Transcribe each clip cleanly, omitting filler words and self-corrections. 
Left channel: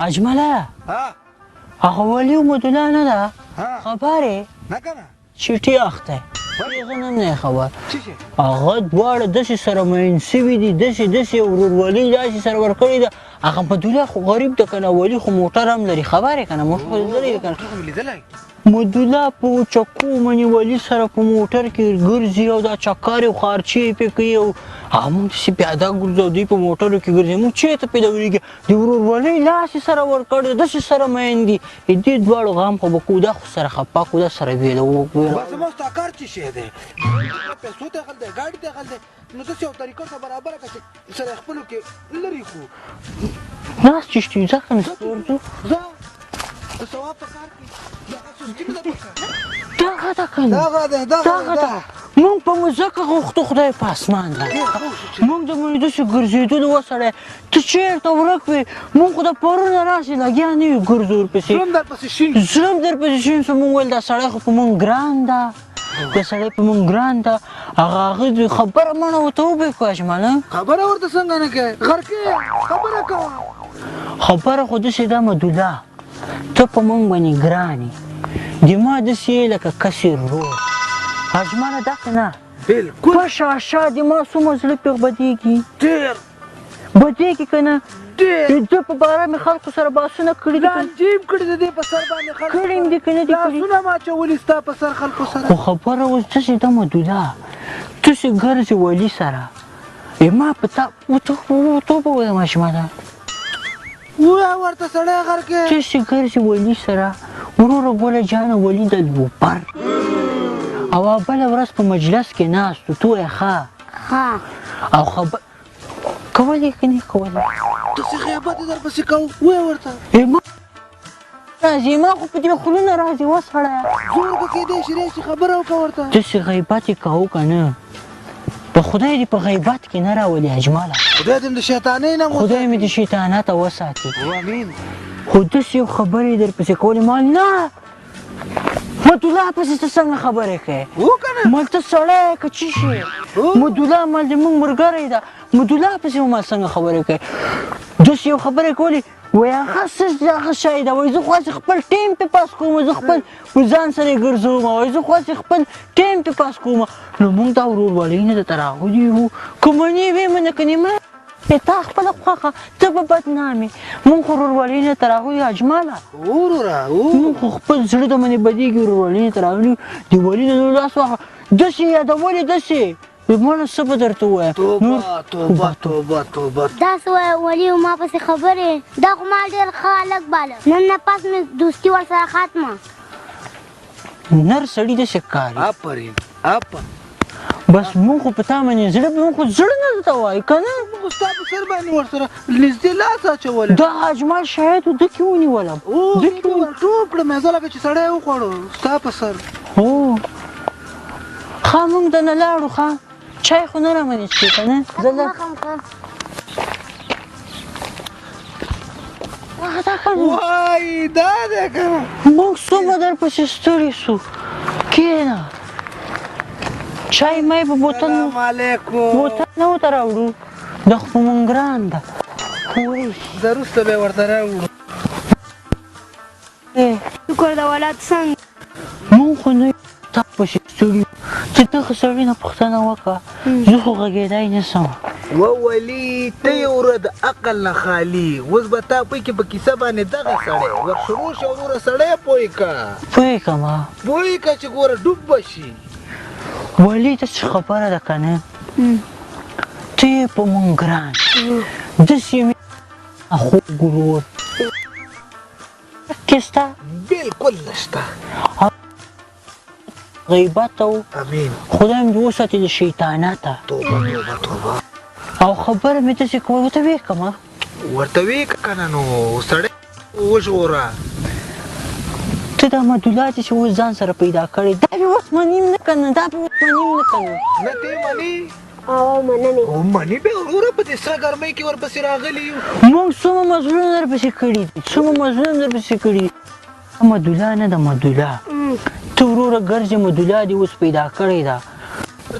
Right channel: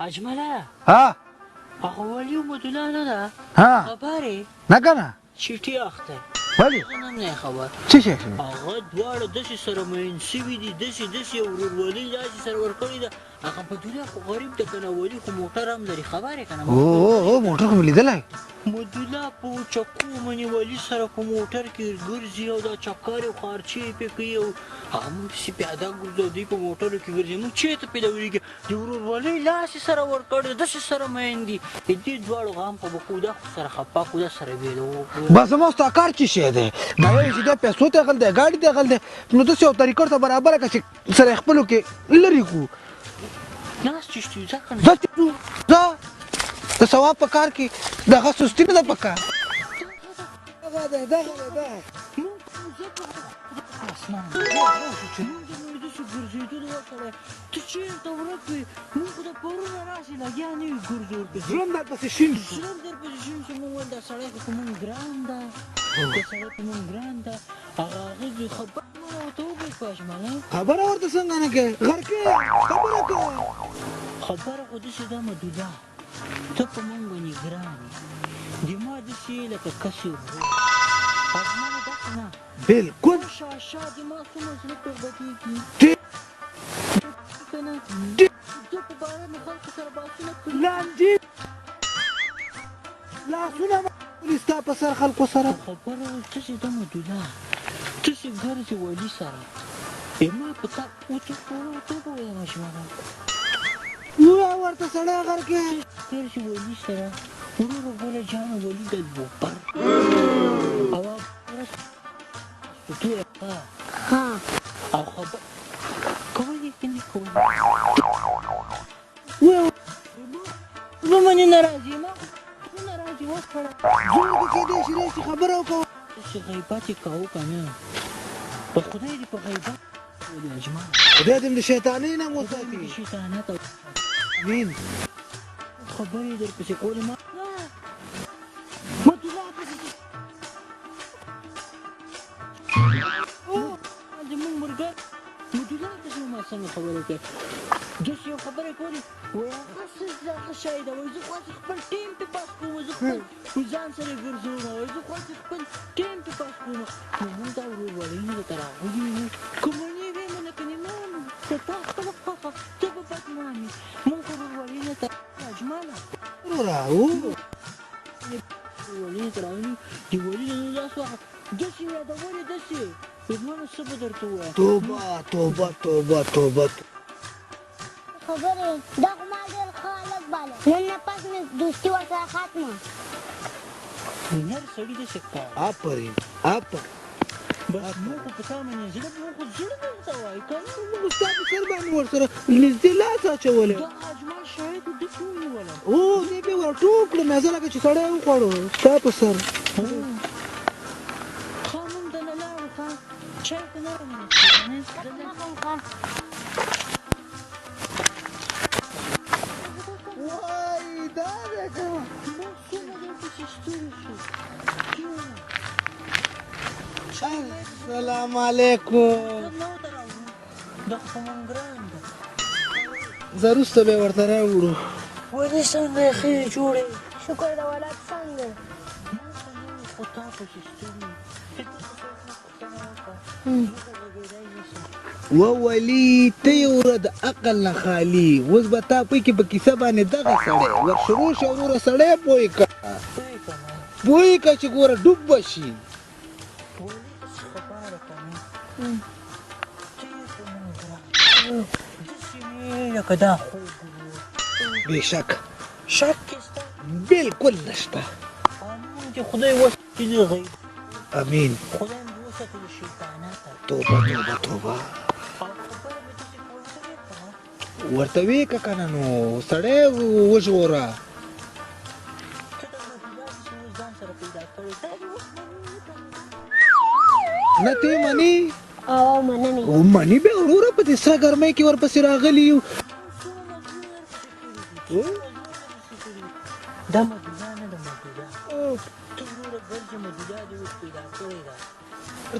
اجمله ها هغه ولي مدونه نه ده خبرې نه کنه چټي اخته ولې زه نه خبر څه شي هغه دواړه داسې سره مین سوي دي داسې ورورولي داسې سره ورکړې ده هغه بدوله خو غریب ده که نه ولي خو موټر هم لري خبرې که نه موټر خو مې لیدلی مدوله په چکو منې ولي سره په موټر کې ګرځي او دا چکر او خارچې یې پې کوي او هغه موږ داسې پیاده ګرځو دوی په موټرو کې ګرځي موږ چېرته پیدا ولیږي د ورورولۍ لاس یې سره ورکړی داسې سره مین دي د دې دواړو غم خو به کوو دا خو سره خپه کړو دا سره ویله بس زما ستا کار څه شی دی دا وایي چې دا پیسو ته غل دی ګاډي ته غل دی نو داسې یو طریقه ورته برابره کړه چې سره یې خپلو کې لرې کړو ناست چې شتي ځه که نه ځه د ثواب په کار کې دغه سستي نه ده په کار دغه ده که نه دغه ده مونږ په مځکه غوښتو خدای په اسمان ده مونږ د مونږ داسې ګرځېدلو وسړی ته چېرته ورک وې مونږ خو د پرونه راسې لګیا نه یو ګرځو ورپسې زړه م درپسې شین سو مونږ ویل دا سړی خو په مونږ ګران ده دا سړی په مونږ ګران ده هغه خبره مڼه ورته وبې کړه اجمله خبره ورته څنګه نه کوې غر کې خبره کوه خبره خو داسې ده مدوله ته په مونږ باندې ګران یې د ما داسې یې لکه کسې روغ اجمله داسې نه بلکل په شاشه د ما څومره زړه پرې بدېږي ډېر بدېږي که نه ډېر د ده په باره مې خلکو سره بحثونه کړي دي لانجې کړي د دې په سر باندې خلکو کړي مې دي که نه دي کړي لاسونه ماچولي ستا په سر خلکو سره خو خبره اوس داسې ده مدوله تاسې ګرځې ولي سره ما په تا ورته ووایم اجمله ووایه ورته سړی غر کې تاسې ګرځې ولي سره وروره ګله جانه ولي د لوپر او بله ورځ په مجلس کې ناست و تو یې ښه او خبر کولی که نه کولی داسې غیبت یې درپسې کوو ووایه ورته ما نه منې نه راځي ما خو په دې خوله نه راځي وسړیه جوړ به کېدی شي داسې خبره وکړه ورته داسې غیبت یې کوو که نه د خدای دې په غیبت کې نه راولي اجمله خدای دې د شیطانۍ نه خدای مې د شیطانته وساتي امین خو داسې یو خبرې درپسې کولې ما نه مدوله پسې ته څنګه خبرې کوې مال ته سړی یې که څه شي مدوله مال د مونږ ملګری ده مدوله پسې مال څنګه خبرې کوې داسې یو خبرې کولې وایي هغه شی ده وایي زه خو هسې خپل ټیم پې پاس کوم زه خپل په ځان سره یې ګرځوم وایي زه خو هسې خپل ټیم پې پاس کوم نو مونږ دا ورورولۍ نه درته راغلي یو که منې وې منه که نه تا خپله خوښه ته به بدنامې مونږ خو ورورولۍ نه درته راغلي اجمله مونږ خو خپل زړه د منې بدېږي ورورولۍ نه درته راغلي د ولي د زړه لاس واخله داسې یادولې داسې ماله څه به درته ووایم توبه داسې وایه ولي ما پسې خبرې دا خو ما ډېر ښه هلک باله نن نه پس مې دوستي ورسره ختمه نر سړي داسې ښکاري آفرین بس مونږ خو په تا باندې زړه مونږ خو زړه نه درته وایو که نه موږ ستا په سر باندې ورسره نږدې لاس اچولی دا اجمل شاید و دکې ونیولم دکې ورټوپ کړم زه لکه چې سړی وخوړو ستا په سر ښه مونږ دنه لاړو ښه چای خو نه رامنې څښې که نه وای دا دی که نه مونږ څومره درپسې ستړي سو کښېنه چای مای په بوتل نه ورته راوړو دا خو په مونږ ګران ده زه وروسته به یې ورته راوړو ولې څنګه یې ښې جوړې شکر د ولاد څنګه مونږ خو نه تا پسې ستړي چې دغه سړي نه پوښتنه وکړه زه خو غږېدی نه سم وولي ته یې وره د عقل نه خالي اوس به تا پوی کې په کیسه باندې دغه سړی ورشروع شه وروره سړی پوی که پوی کړه چې ګوره ډوب به شي ولي داسې خبره ده که نه ته یې په مونږ ګران داسې مې لکه دا خوږ ورور بېشک شک کې سته بلکل نشته چې خدای وساتي د غیبت او امین خدای مې وساتي د شیطانته توبه او خبره مې داسې کوه ورته ویې کړمه ورته ویې که که نه نو سړی وژغوره ته دا مدوله دې چې اوس ځان سره پیدا کړې دا به اوس منیم نه که نه نه ته یې منې مننې منې بیا وروره په دې سره ګرمۍ کې ورپسې راغلي یو مونږ څومره مزلونه درپسې کړي دي دا مدوله نه ده مدوله ته وروره ګرځې مدوله دې اوس پیدا کړې ده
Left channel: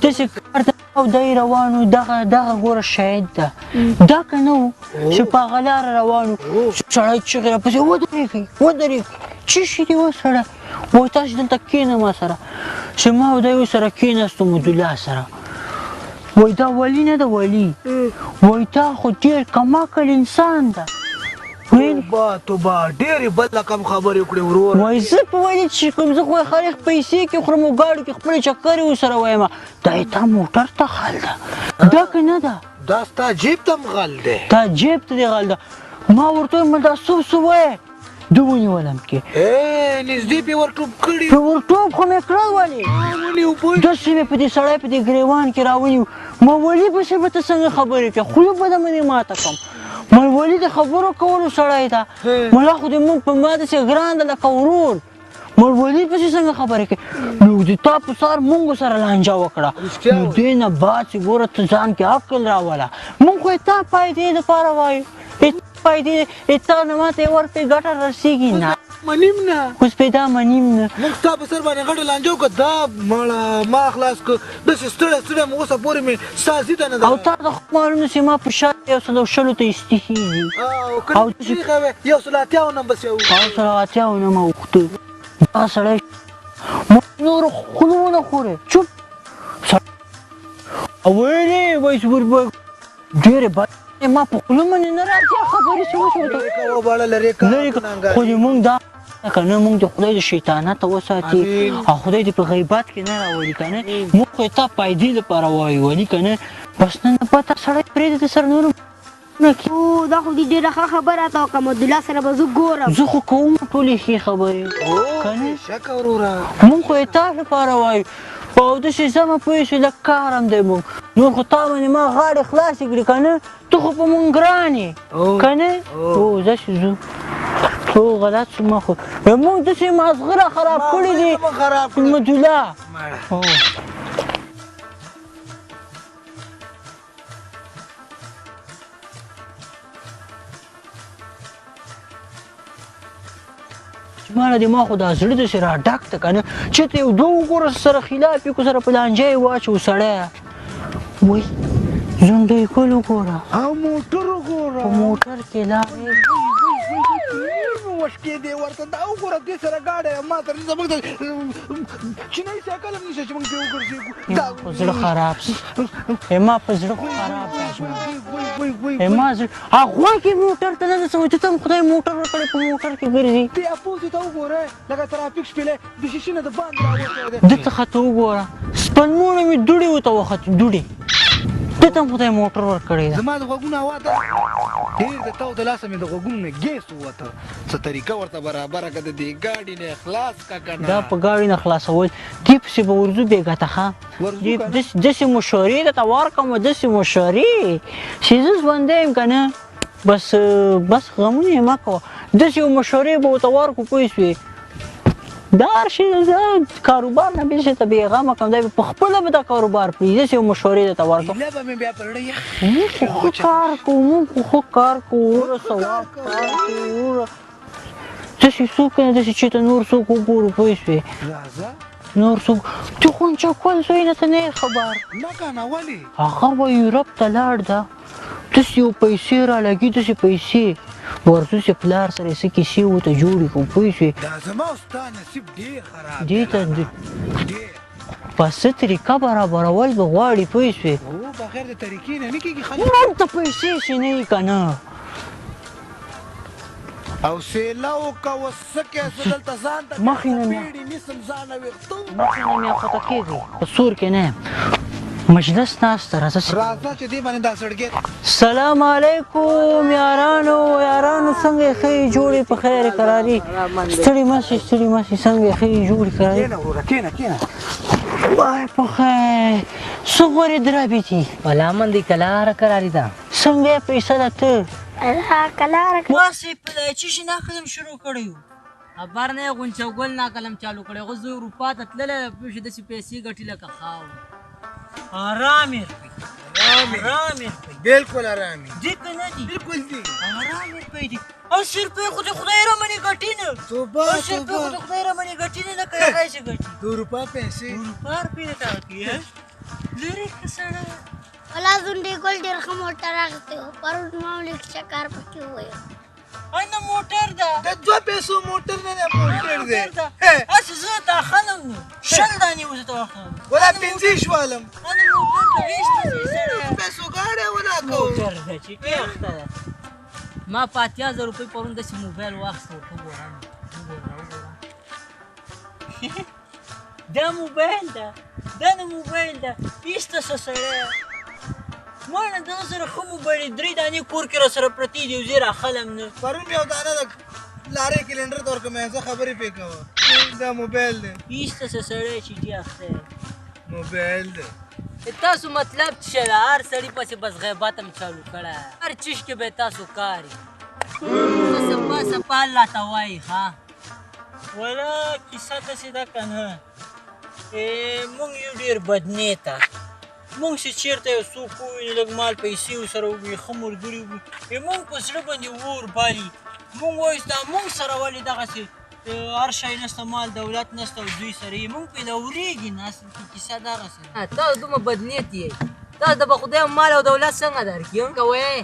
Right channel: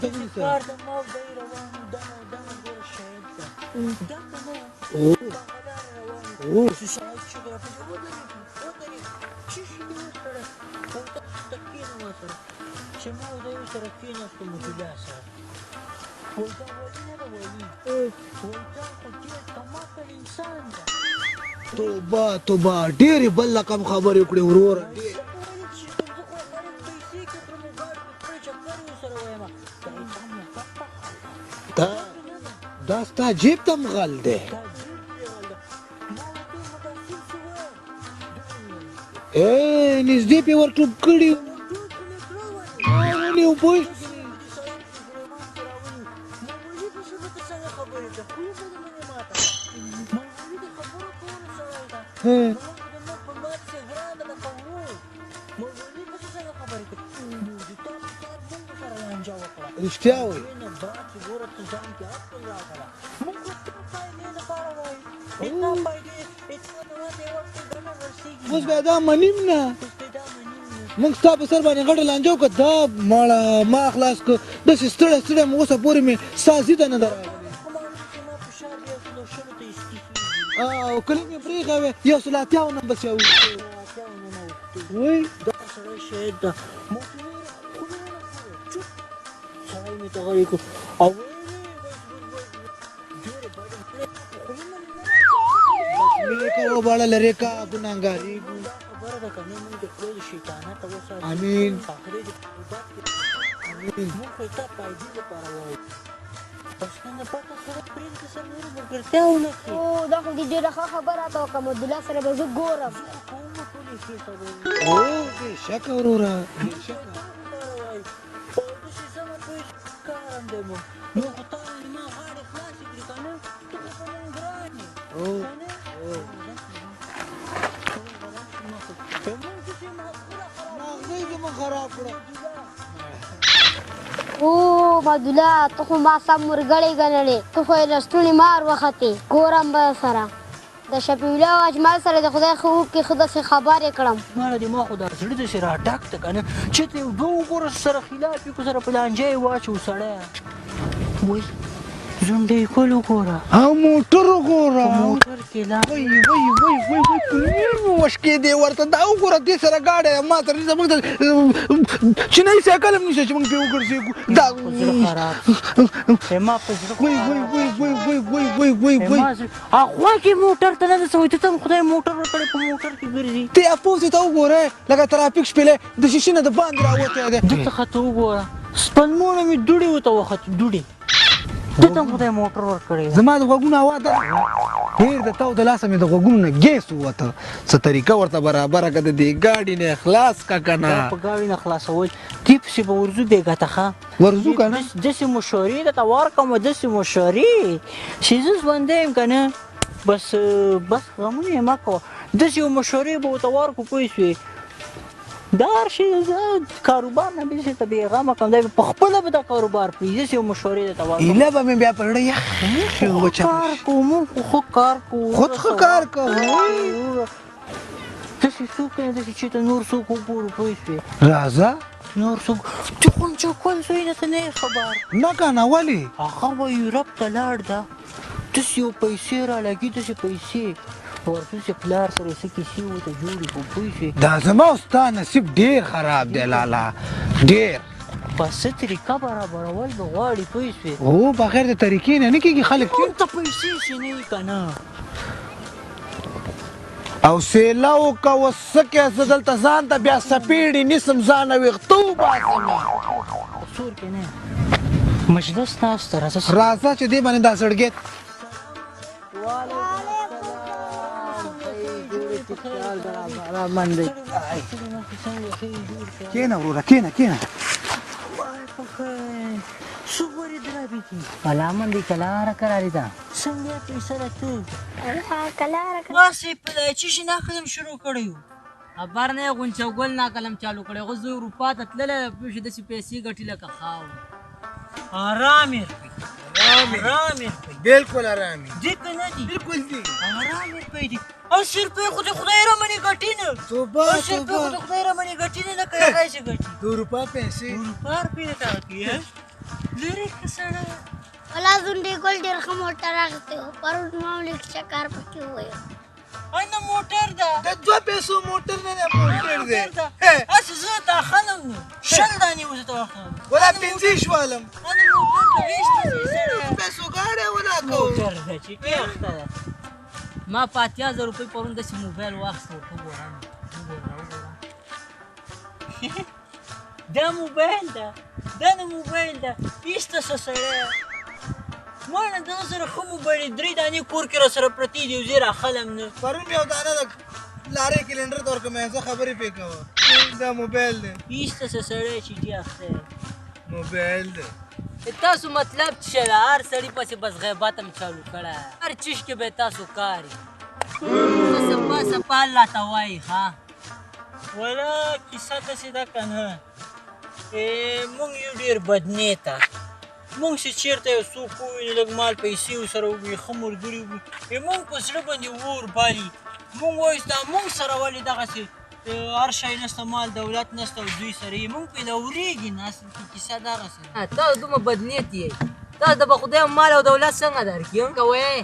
داسې کار ته او دی روانو دغه ګوره شاهد ده دا که نه و چې په هغه لاره روانو چې سړی چغې راپسې ودرېږئ څه شي دي و سړی وایي تاسې دلته کښېنه ما سره چې ما او دی ورسره کښېناستو مدلا سره وایي دا ولي نه ده ولي وایي تا خو ډېر کمعقل انسان ده توبه ډېرې بل رقم خبرې وکړې ورور وایي زه په ولې چې کوم زه خو خلک پیسې کې خورم او ګاډو کې خپلې چکرې ورسره وایم دا یې تا موټر ته غل ده دا که نه ده دا ستا جیب ته هم غل دی تا جیب ته دې غل ده ما ورته وایم دا څه وایې ده ونیولم کې نږدې پې ورټوپ کړي ورټوپ خو مې کړل ولې داسې مې په دې سړی په دې ګریوان کې راونیو ما ولي پسې به ته څنګه خبرې کوې خوله به ده مې ماته کړم ما ولي د خبرو کولو سړی ده ملا خو دې مونږ په ما داسې ګران ده لکه ورور ما ولي پسې څنګه خبرې کوې نو د تا په سار مونږ سره لانجه وکړه نو دې نه بعد چې ګوره ته ځان کې عقل راوله مونږ خو یې تا پیدې دپاره وایو تا پیدې تا نه ماته یې ورکړې ګټه رسېږي نه اوس پیدا منیم نه اوس پیدا منیم نه موږ ستا په سر باندې غټه لانجه وکړه دا ماړه ما خلاص کړ داسې ستړی مې اوسه پورې مې ستا زیده نه ده او تا ته خو معلومه چې ما په شا 120 ته ایستېږي او که نه پرېښه وې 180 نه بس یې وکړو 180 نه مه وختو دا سړی شهید ده موږ نور خوله ونه خورې چوپ سړی مې ته غلی کړو او ویلې وایي ډېرې بد ما په خوله باندې نه راځي خبرې خو دې مونږ دا خبره ده که نه مونږ د خدای د شیطانته وساتي او خدای دې په غیبت کې نه راولي که نه مونږ خو یې تا پیدې لپاره وایو ولي که نه بس نن نه پته سړی پرېږده د سره نورو ملګرتیا ونه کړي دا خو دې ډېره ښه خبره راته وکړه مدلا سره به زه ګورم زه خو کوم ټولې ښې خبرې که نه شکه وروره مونږ خو یې تا لپاره وایو او داسې زما پوه شوې لږ کار هم دی مونږ نور خو تا باندې ما غاړې خلاصې کړې که نه ته خو په مونږ ګران یې که نه هو داسې ځو هو غلط شو ما خو مونږ داسې مازغه را خراب کړي دي مدلا او مدلا ته خو ما سم مرګړې ګڼلې ته خو یې لستوڼې مار وختې ګورم به سره د شفیع الله او اجمل سره د خدای ښه وکړي ښه داسې خبرې کړم ماله دې ما خو دا زړه داسې را ډک ته که نه چېرته یو دوه وګوره سره خلاف یې کو سره په لانجه یې واچو سړی وایي ژوندی ګل وګوره او موټر وګوره په موټر کې لا مشکې دی ورته دا وګوره دې سره گاډی ما سره زموږ د چینایي سایکل هم نشته چې موږ پرې وګرځېږو دا په زړه خراب شي ما په زړه هغه کې موټر ته نه رسوي ته هم خدای موټر ورکړی په موټر کې ګرځي ته اپوزې ته وګوره لکه ترافیک شپېلې د شیشې نه د باندې راوتی دی دلته ښه وګوره سپلمونه مې دوړې ورته وختو دوړې دې ته هم خدای موټر ورکړی ده زما د غوږونو هوا ده ډېر د تاو د لاسه مې د غوږونو نه ګیس ووته څه طریقه ورته برابره که د دې ګاډي نه خلاص که که نه دا په ګاډي نه خلاصول دې پسې به ورځو بېګا ته ښه ورځو که نه داسې مشورې درته ورکړم داسې مشورې چې زه ژوندی یم که نه بس غمونه یې مه کوه داسې یو مشورې به ورته ورکړو پوه شوې دا هر شي کاروبار نه بېل شي ته بېغمه کړم دی به په خپله به دا کاروبار پرېږدي داسې یو مشورې درته ورکړم ایله به مې بیا په زړه یخ کار کوو موږ خو ښه کار کوو خود ښه کار کوو داسې څوک نه داسې چې ته نور څوک وګورو پوه شوې راځه نور څوک ته خو چوپل زوی نه ته نه یې خبر نه که نه ولې هغه به یورپ ته لاړ ده داسې یو پیسې رالګي داسې پیسې ورسو چې پلار سره څه کیسې ورته جوړې کړو پوه شوې دا زما او ستا نصیب ډېر خراب دی لالا ډېر په څه طریقه برابرول به غواړي پوه شوې هو بغیر د طریقې نه نه کېږي خلک موږ ته پیسې چې نه یې که نه او سیله وکوه څه کې زه دلته ځان ته بیا څپېړې نیسم ځان ویښتو په سور کې نه مجلس ناسته راځه چې دې باندې دا سړګېت سلام علیکم یارانو څنګه یې ښه یې جوړې په خیر قراري ستړي مه شئ څنګه یې ښه یې جوړې قراري کېنه وروره کېنه وای په خیر څه غورې درابې دي ملامن دی کلاره قراری ده څنګه یې پیسه ده ته کلاره واسې په دایچې شي ناقلم شروع کړی و خبر نه غونچه ګل نا قلم چالو کړي غو زه اروپا ته تللی پوه داسې پیسې ګټي لکه خاورې آرام یې بالکل آرامي دې که نه دي بالکل دي آرام یې پی دي 80 روپۍ خو د خدای رمنې ګټي نه 80 روپۍ خو د خدای رمنې ګټي نه لکه هغه چې ګټي د اروپا پیسې اروپا روپۍ نه ته کوي لرې که سړی ولا ځونډي ګل ډېر ښه موټر اخیستی و پرون ما هم لږ چکر پکې وویل نه موټر ده د 2 پیسو موټر نه دی موټر دی هسې زه تا خلم نو 10 دانې اوس ته واخلم ولا 15 شوالم نه موټر ده ویسته دی سړی پیسو ګاډی ولا کوم موټر ده چې ټیخته ده ما په 8000 روپۍ پرون داسې موبایل واخیست ورته وګورم دا موبایل ده دا نه موبایل ده ایسته څه سړی ما نه دغه سره ښه موبایل 3 دانې کور کې را سره پرتې دي او زه یې راخلم نه پرون مې یو دانه د لارې کلنډر ته ورکړم زه خبرې پرې کوه دا موبایل دی ایسته څه سړی چې ټیخته دی موبایل دی تاسو مطلب څه ده هر سړي پسې بس غیبت هم چالو کړی هر چیز کې به تاسو کار یې سپا سپا الله ته وایي ښه ولا کیسه داسې ده که نه مونږ یو ډېر بدنیته مونږ چې چېرته یو څوک ووینو لږ مال پیسې ورسره وګوري ښه ملګري وګوري مونږ په زړه باندې اور بالي مونږ وایو دا مونږ سره ولې دغسې هر شی نسته مال دولت نسته او دوی سره یې مونږ پرې دورېږي نه اصل کې کیسه دغسې تاسو دومره بدنیت یې تاسو د به خدای مال او دولت څنګه درکړي که وایې